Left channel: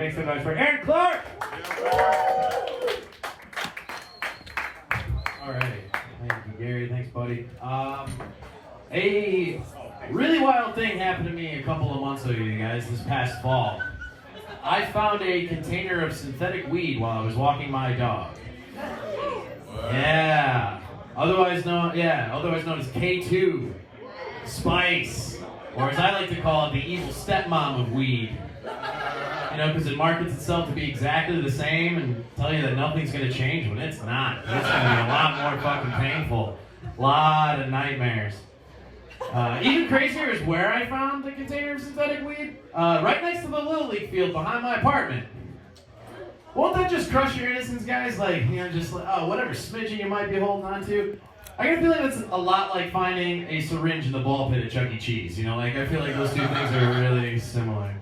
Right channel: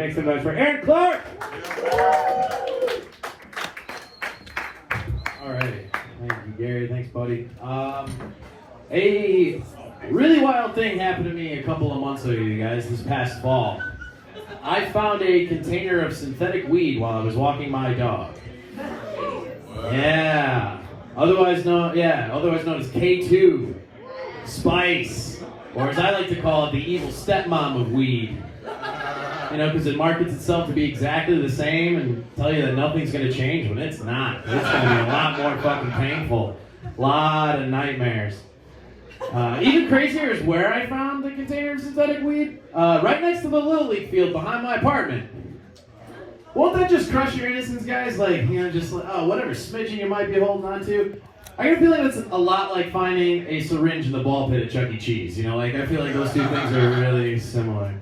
Make some noise for Aaron Clark! Alright, thank you, Gary. Thanks, buddy. A really wild thing happened to me a couple of months ago, you guys, this past fall. I found a container of synthetic weed while I was walking my dog. Yeah. Otherwise known as K2, Spice, or as I like to call it, the evil stepmom of weed. You know, because it markets itself to be exactly the same and tell you that nothing's going to change when it's not. It's going to be a lot more fucking painful. A lot of nightmares. Even crazier is where I found the container of synthetic weed. Right next to the Little League field behind my apartment. Won't that just crush your innocence, guys? Like, you know, just like, oh, whatever smidgen you might be holding on to. I get a feeling it's a lot like finding a syringe in the ball pit at Chuck E. Cheese. You know, like, I feel like those two things are really similar.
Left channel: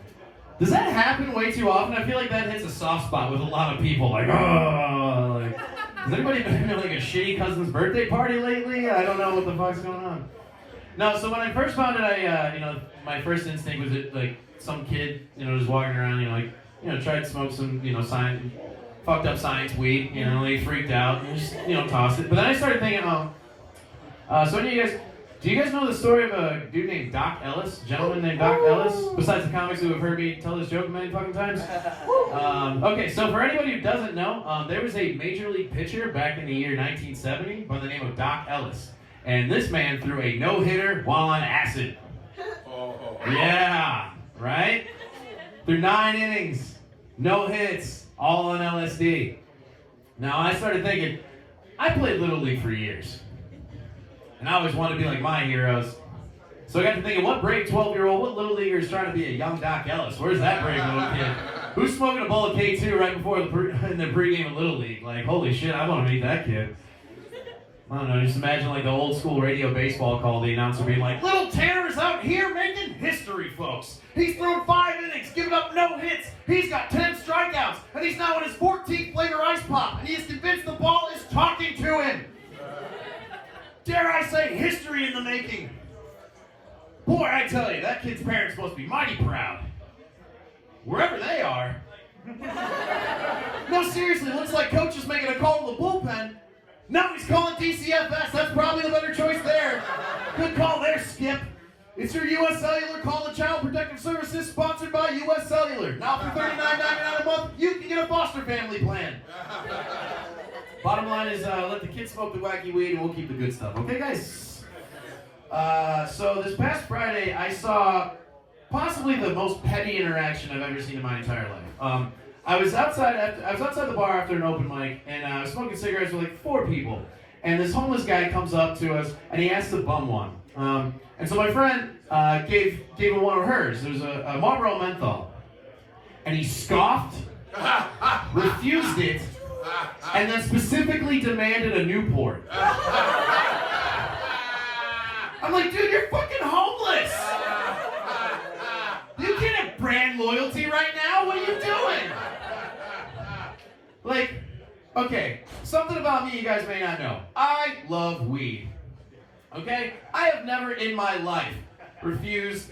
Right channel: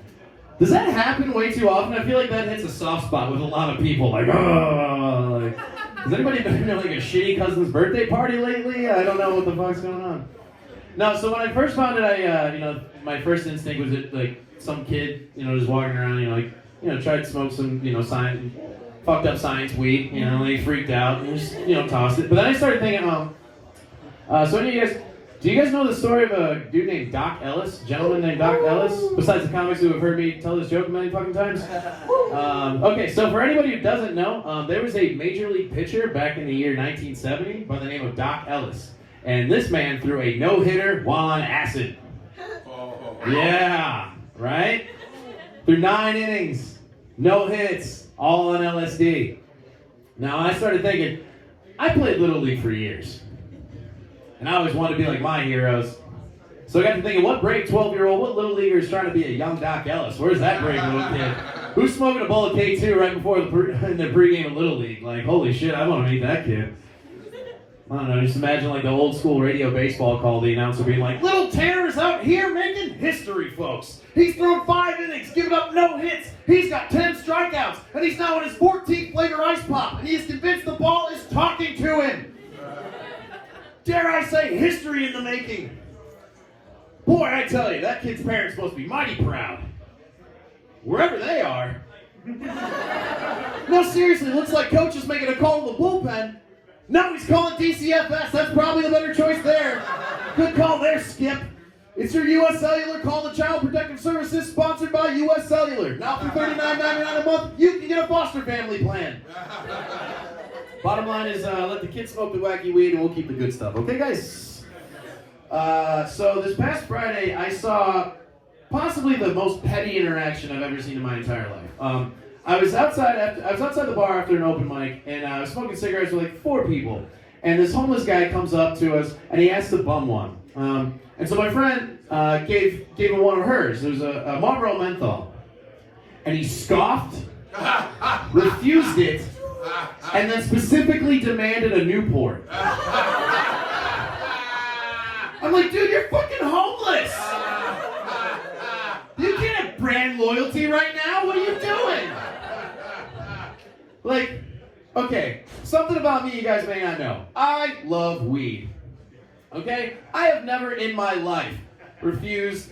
Does that happen way too often? I feel like that hits a soft spot with a lot of people. Like, oh, like, has anybody been to like a shitty cousin's birthday party lately? I don't know what the fuck's going on. No, so when I first found it, my first instinct was that, like, some kid, just walking around, tried to smoke some, fucked up science weed, they freaked out and just, tossed it. But then I started thinking, so do you guys know the story of a dude named Doc Ellis, a gentleman named Doc Ellis, besides the comics who have heard me tell this joke many fucking times? Okay, so for anybody who doesn't know, there was a major league pitcher back in the year 1970 by the name of Doc Ellis. And this man threw a no-hitter while on acid. Yeah, right? Through 9 innings, no hits, all on LSD. Now, I started thinking, I played Little League for years. And I always wanted to be like my heroes. So I got to thinking, what brave 12-year-old, what Little Leaguer is trying to be a young Doc Ellis? Where's that brave little kid? Who's smoking a bowl of K2 right before in the pregame of Little League? Like, holy shit, I want to meet that kid. I don't know, just imagine like the old school radio baseball call, the announcer being like, Little Tanner's out here making history, folks. He's thrown 5 innings, giving up no hits. He's got 10 strikeouts, and he's now on his 14th flavor ice pop, and he is convinced the ball is talking to him. Dare I say, history in the making. Boy, I tell you, that kid's parents must be mighty proud. Wherever they are. No, seriously, looks like coach is making a call to the bullpen. No, he's calling DCFS. That's probably the better choice there. Good call there, Skip. It's your U.S. Cellular call to Child Protective Services, sponsored by U.S. Cellular. Now for $39.99 a month, you can get a foster family plan. Bottom line is, let the kids smoke the wacky weed and we'll keep the good stuff. Okay, guys? So this past Friday, I saw possibly the most petty interaction I've ever seen in my entire life. I was outside the bar after an open mic, and I was smoking cigarettes with like 4 people. And this homeless guy comes up to us, and he asked to bum one. And so my friend gave him one of hers. There's a Marlboro menthol. And he scoffed, refused it, and then specifically demanded a Newport. I'm like, dude, you're fucking homeless! You can't have brand loyalty right now. What are you doing? Like, okay, something about me you guys may not know. I love weed. Okay? I have never in my life refused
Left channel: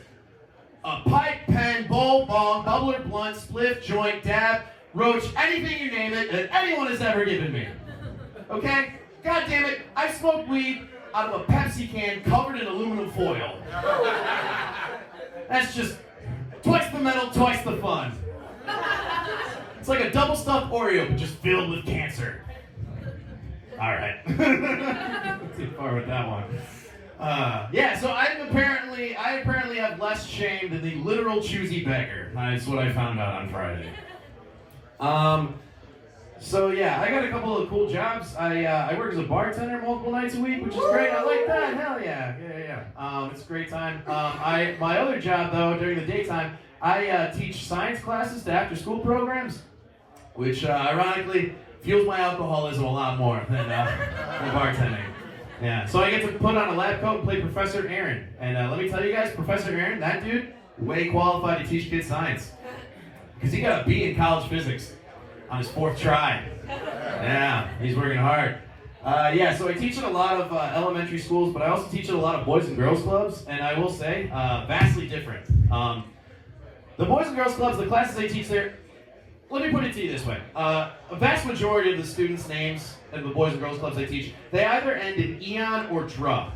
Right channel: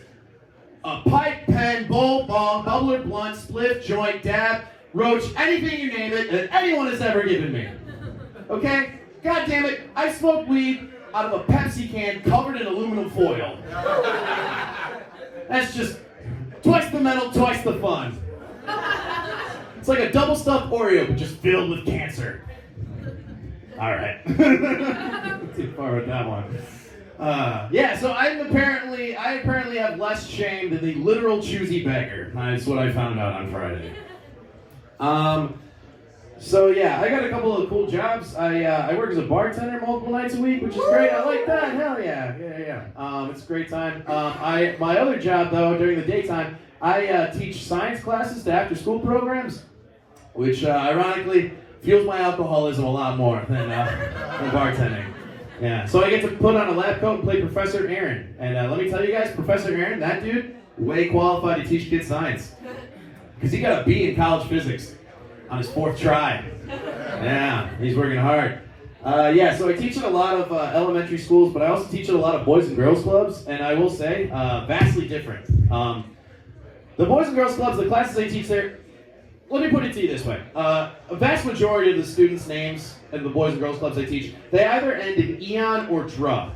a pipe, pen, bowl, bong, bubbler, blunt, spliff, joint, dab, roach, anything you name it that anyone has ever given me. Okay? God damn it, I smoked weed out of a Pepsi can covered in aluminum foil. That's just twice the metal, twice the fun. It's like a double stuffed Oreo, but just filled with cancer. All right. Too far with that one. Yeah, so I apparently have less shame than the literal choosy beggar. That's what I found out on Friday. So yeah, I got a couple of cool jobs. I work as a bartender multiple nights a week, which is great. I like that. Hell yeah. It's a great time. My other job though, during the daytime, I teach science classes to after-school programs, which ironically fuels my alcoholism a lot more than bartending. Yeah, so I get to put on a lab coat and play Professor Aaron. And let me tell you guys, Professor Aaron, that dude, way qualified to teach kids science. Because he got a B in college physics on his 4th try. Yeah, he's working hard. Yeah, so I teach at a lot of elementary schools, but I also teach at a lot of boys and girls clubs, and I will say, vastly different. The boys and girls clubs, the classes I teach there, let me put it to you this way. A vast majority of the students' names in the Boys and Girls Clubs I teach, they either end in Eon or Drup.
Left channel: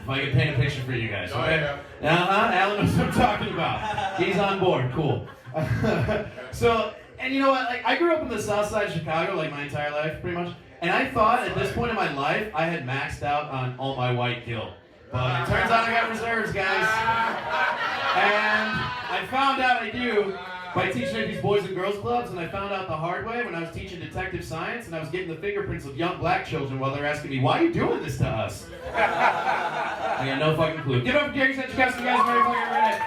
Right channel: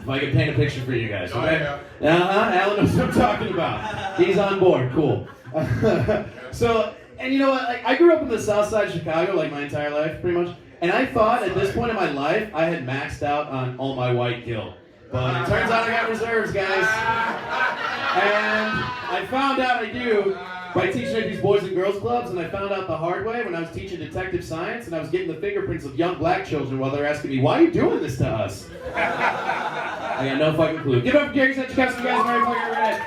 If I can paint a picture for you guys, okay? Alan knows what I'm talking about. He's on board, cool. So, and you know what, like, I grew up in the south side of Chicago, like, my entire life, pretty much. And I thought at this point in my life, I had maxed out on all my white guilt. But it turns out I got reserves, guys. And I found out I do by teaching at these Boys and Girls Clubs, and I found out the hard way when I was teaching detective science, and I was getting the fingerprints of young black children while they're asking me, why are you doing this to us? I got no fucking clue. Get up, Gary, you guys are very fucking redneck.